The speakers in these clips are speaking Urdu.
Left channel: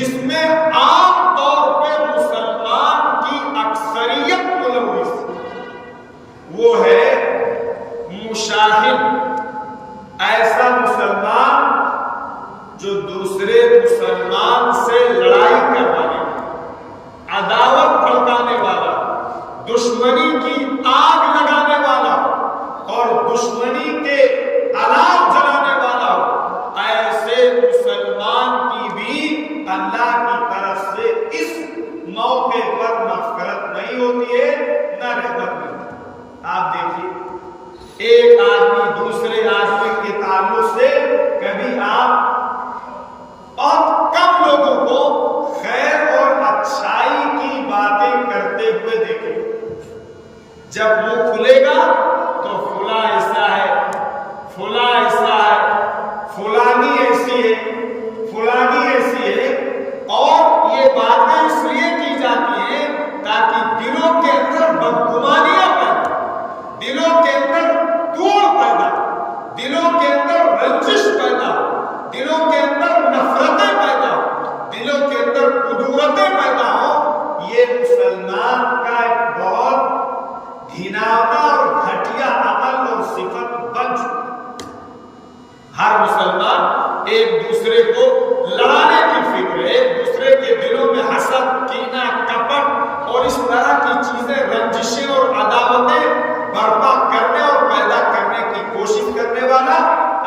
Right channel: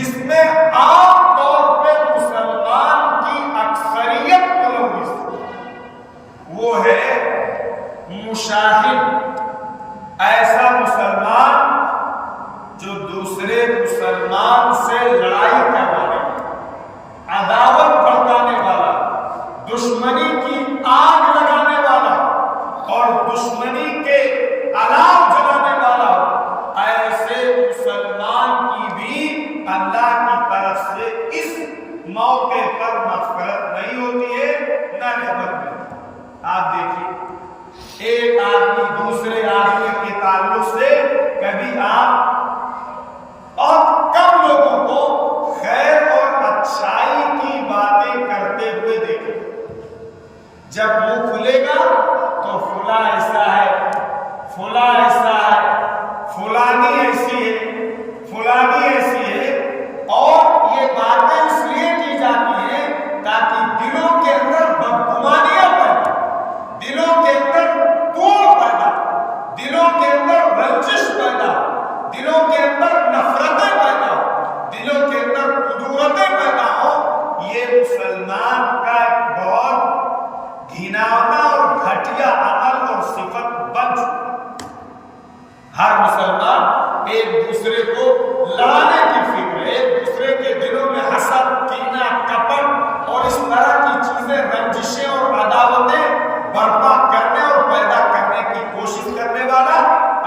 جس میں عام طور پہ مسلمان کی اکثریت ملوث، وہ ہے مشاہد، ایسا مسلمان جو دوسرے مسلمان سے لڑائی کروانے والا، عداوت بھڑکانے والا، دشمنی کی آگ لگانے والا اور دشمنی کے الاؤ جلانے والا، ایسے مسلمان کی بھی اللہ کی طرف سے اس موقع پر مغفرت نہیں ہوتی ہے، نہ رحمت نہیں۔ آپ دیکھیے ایک آدمی دوسرے آدمی کے تعلق سے کبھی آپ بہت کم لوگوں کو خیر اور اچھائی کی باتیں کرتے ہوئے دیکھیں، جب منہ کھلے گا تو فلاں ایسا ہے، فلاں ایسا ہے، فلانی ایسی ہے، فلانی ایسی ہے، اور یہ باتیں اس لیے کی جاتی ہیں تاکہ دلوں کے اندر بدگمانیاں پیدا، دلوں کے اندر توڑ پیدا، دلوں کے اندر رنجش پیدا، دلوں کے اندر نفرتیں پیدا، دلوں کے اندر کدورتیں پیدا ہوں۔ یہ مسلمان کا ایک بہت گھناؤنا اور گھٹیا عمل اور صفت بن چکا۔ ہر مسلمان ایک دوسرے کو لڑانے کی فکر، ایک دوسرے کے دلوں میں حسد، کینہ، کپٹ اور اس طرح کی چیزیں، رنجشیں اور عداوتیں برپا کرنے اور پیدا کرنے کی کوشش کرنے والا،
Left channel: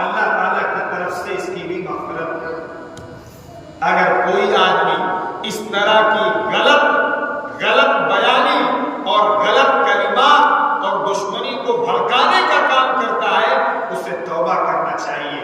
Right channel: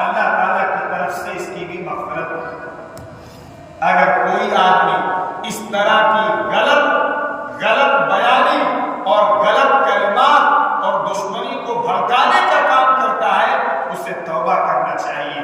اللہ تعالیٰ کی طرف سے اس کی بھی مغفرت ہے۔ اگر کوئی آدمی اس طرح کی غلط بیانی اور غلط کلمات اور دشمنی کو بھڑکانے کا کام کرتا ہے، اسے توبہ کرنا چاہیے۔